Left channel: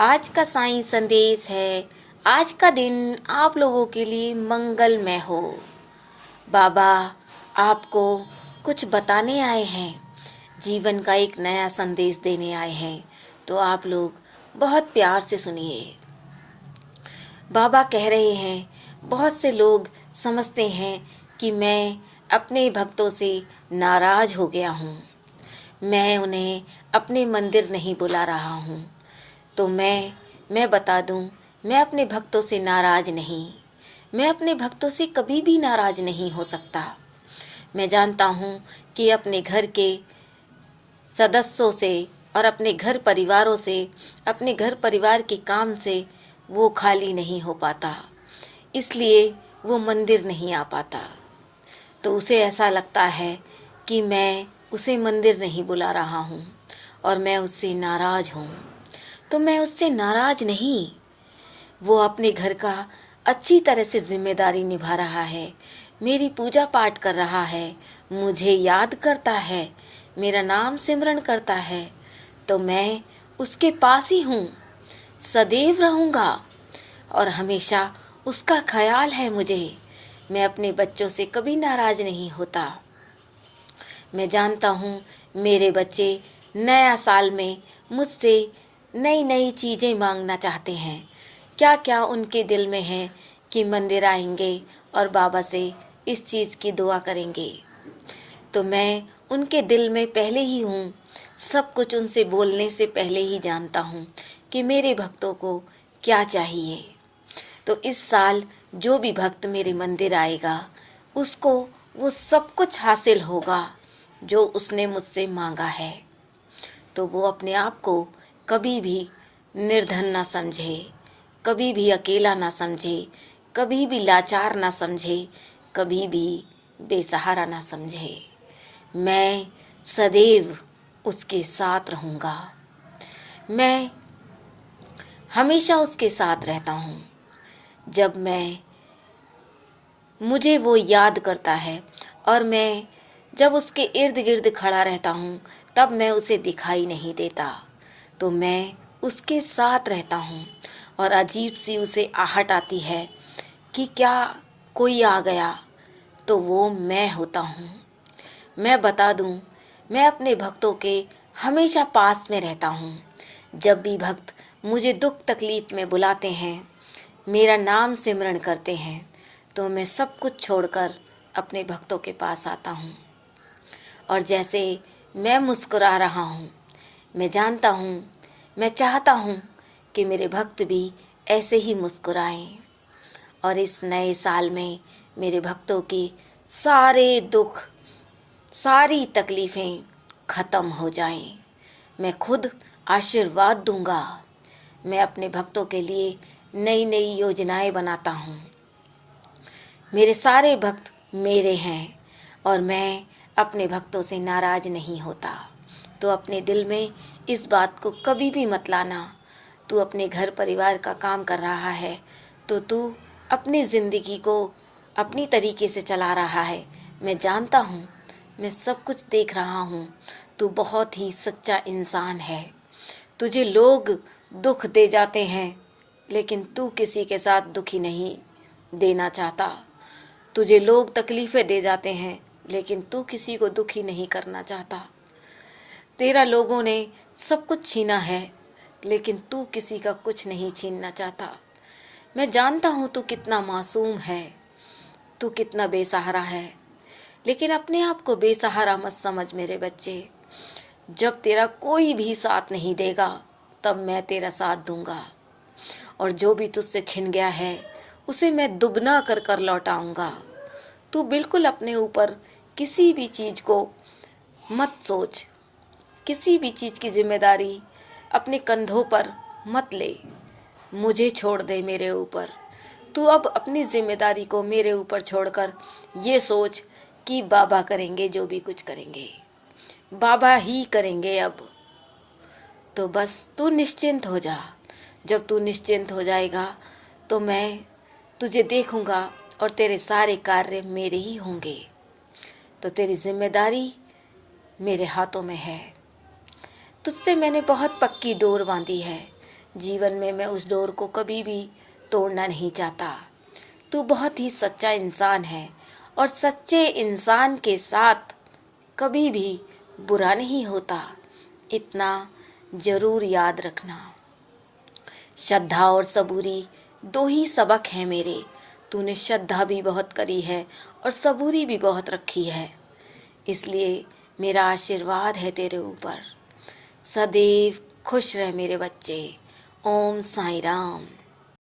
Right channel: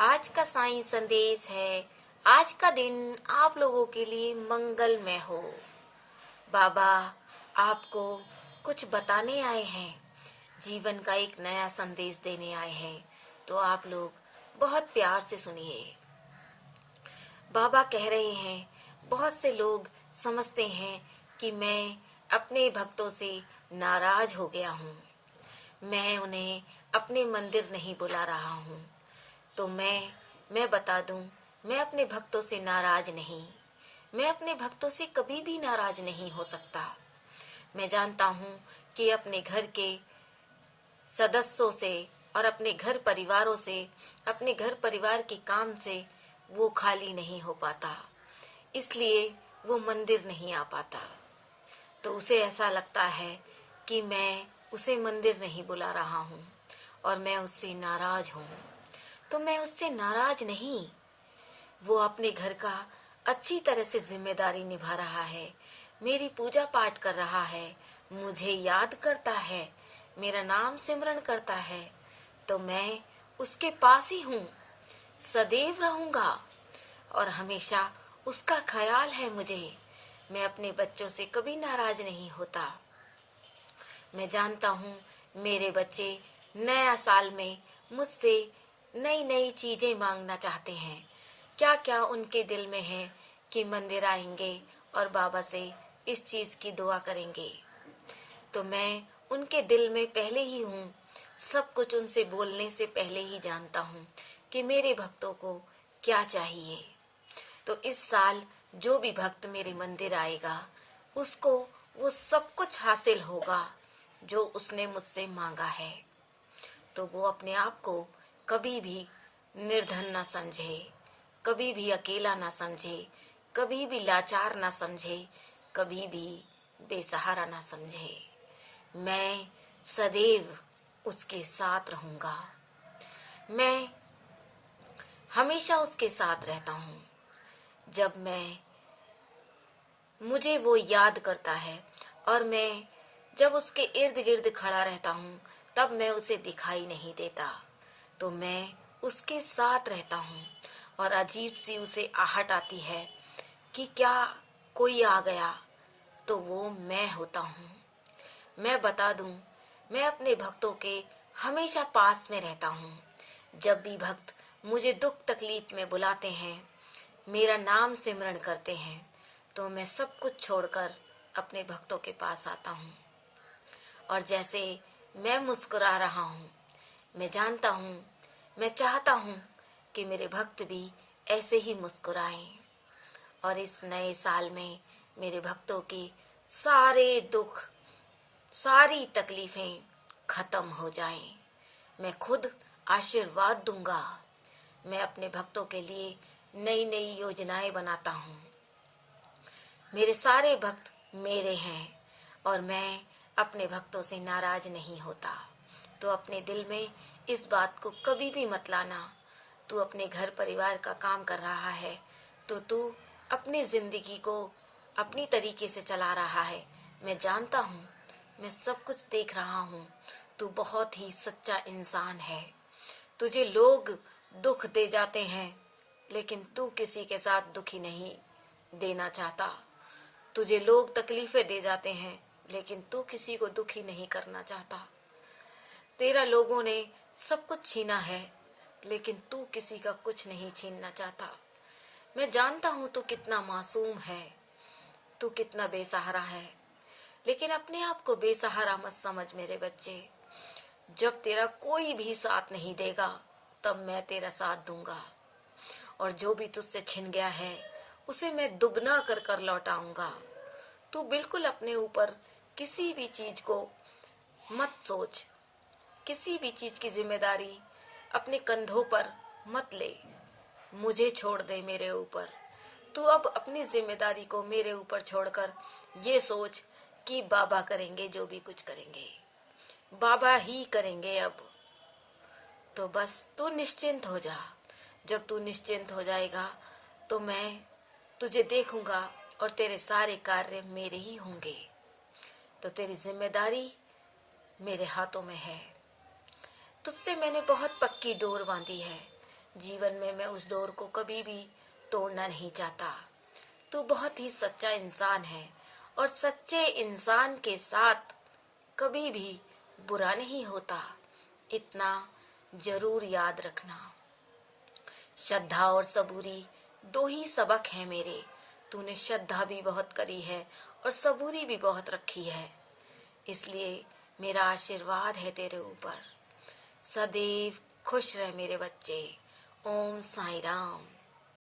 आज का साईं संदेश है। आज का दिन आप लोगों के लिए मंगलमय हो। बाबा आपको कुछ बताने आए हैं, जीवन का एक नया संदेश देने आए हैं, तो आप लोग बहुत प्यार से सुनिए। बाबा कह रहे हैं, बहुत से लोग समझते हैं कि मैं अपने भक्तों से नाराज हो गया हूँ, मैं उन्हें अपने मंदिर नहीं बुला रहा हूँ। तो मैं बता दूं, मैं अपने भक्तों से नाराज नहीं, मैं अपने भक्तों से कभी भी नाराज नहीं हो सकता। मैं जानता हूँ कि अपने घर के सदस्यों से और अपने घर परिवारों से, अपने घर परिवार के काम से वो खाली नहीं हो पाता, इसलिए वो मंदिर नहीं आ पाता। तो उसे ऐसा लगता है कि मैं उसे मंदिर नहीं बुला रहा हूँ और मैं उससे नाराज हूँ। तो मैं उससे नाराज नहीं, वो अपने घर का अच्छी तरह से जिम्मेदारी निभा रहा है, मेरी पूजा पाठ कर रहा है, मुझे याद करता है, मेरा नाम सिमरन करता है, तो मैं उसके पास ही हूँ, सदैव रहूँगा और हमेशा उसका ख्याल है मुझे। मैं अपने बच्चों से कभी नाराज नहीं होता। मैं जानता हूँ मेरे बच्चे नया साल में मुझसे नई नई चीज़ें मांगना चाहते हैं। क्या क्या उनके दिल में है कि मंदिर आएंगे और बाबा से इस चीज़ की दुआ करेंगे। तो मैं उनके दिल में पहले ही हूँ, सब कुछ उनसे बोलने से पहले ही जानता हूँ कि मेरे भक्तों को क्या चाहिए। तो इस साल जो भी भक्त मेरे मंदिर आएगा, उसको वो सब कुछ हासिल होगा जो उसने मुझसे मांगा है। तो वो अपने आप को कभी भी निर्धन ना समझे, कभी भी अकेला ना समझे, कभी भी लाचार ना समझे, कभी भी बेसहारा ना समझे। मैं सदैव उसके साथ रहूँगा, मैं हमेशा उसके साथ रहता हूँ। जब मुझे वो याद करता है और मैं जब उसके इर्द गिर्द खड़ा रहता हूँ, तब मैं उसे दिखाई नहीं देता, तो मैं उसके साथ रहता हूँ और अजीब सी उसे आहट आती है कि क्या कोई आ गया, तो वो मैं होता हूँ। मैं बता दूँ, मैं अपने भक्तों के हमेशा पास में रहता हूँ। जब भी भक्त मुझे दुख तकलीफ में बुलाते हैं, मेरा नाम सिमरन करते हैं, तो मैं सब कुछ छोड़कर अपने भक्तों के पास आता हूँ। और जैसे मैं मुस्कुरा रहा हूँ, मैं जानता हूँ, मैं चाहता हूँ कि मेरे भक्त भी ऐसे ही मुस्कुराएं और इस नए साल में मेरे भक्तों के सारे दुख, सारी तकलीफ़ें ख़त्म हो जाएं। मैं खुद आशीर्वाद दूंगा। मैं अपने भक्तों के लिए नई नई योजनाएं बनाता हूँ। मेरे सारे भक्त मेरे हैं और मैं अपने भक्तों से नाराज नहीं होता। तो अपने दिल में इस बात को कभी भी मत लाना। तू अपने घर परिवार का काम कर रहा है, तो तू अपनी ज़िंदगी को अपनी तरीके से चला रहा है। मैं जानता हूँ, मैं सब कुछ देख रहा हूँ। तू बहुत ही सच्चा इंसान है। तुझे लोग दुख दे जाते हैं, लेकिन तू किसी के साथ दुखी नहीं देना चाहता। तुझे लोग तकलीफ़ें दे जाते हैं, लेकिन तू किसी को दुखी नहीं करना चाहता। तेरा लोगों ने सब कुछ छीना है, लेकिन तू किसी का कुछ नहीं छीनना चाहता। मैं जानता हूँ तू कितना मासूम है, तू कितना बेसहारा है, लेकिन अपने आप को बेसहारा मत समझ मेरे बच्चे। जब तेरा कोई भी साथ नहीं देगा, तब मैं तेरा साथ दूंगा और जो भी तुझसे छिन गया है, उसे मैं दुगना कर कर लौटाऊंगा। तू बिल्कुल अपने ऊपर किसी भी चीज़ को मत सोच, किसी भी चीज़ की जिम्मेदारी अपने कंधों पर मत ले, मुझे छोड़ दे मेरे ऊपर। तू अब अपनी जिम्मेदारी को मेरे ऊपर छोड़कर ये सोच कि बाबा करेंगे, जो भी कुछ करेंगे बाबा ही करेंगे अब। तो बस तू निश्चिंत हो जा। जब तू निश्चिंत हो जाएगा, तो मैं तुझे देखूंगा और तेरे सारे कार्य मेरे ही होंगे। तो तेरी जिम्मेदारी मेरे हाथों में है। तुझसे मैंने बहुत पक्की डोर बांधी है। जीवन में मैं उस डोर को कभी भी तोड़ना नहीं चाहता। तू बहुत ही सच्चा इंसान है और सच्चे इंसान के साथ कभी भी बुरा नहीं होता, इतना जरूर याद रखना। श्रद्धा और सबूरी दो ही सबक हैं मेरे। तूने श्रद्धा भी बहुत करी है और सबूरी भी बहुत रखी है, इसलिए मेरा आशीर्वाद है तेरे ऊपर। सदैव खुश रह मेरे बच्चे। ओम साईं राम।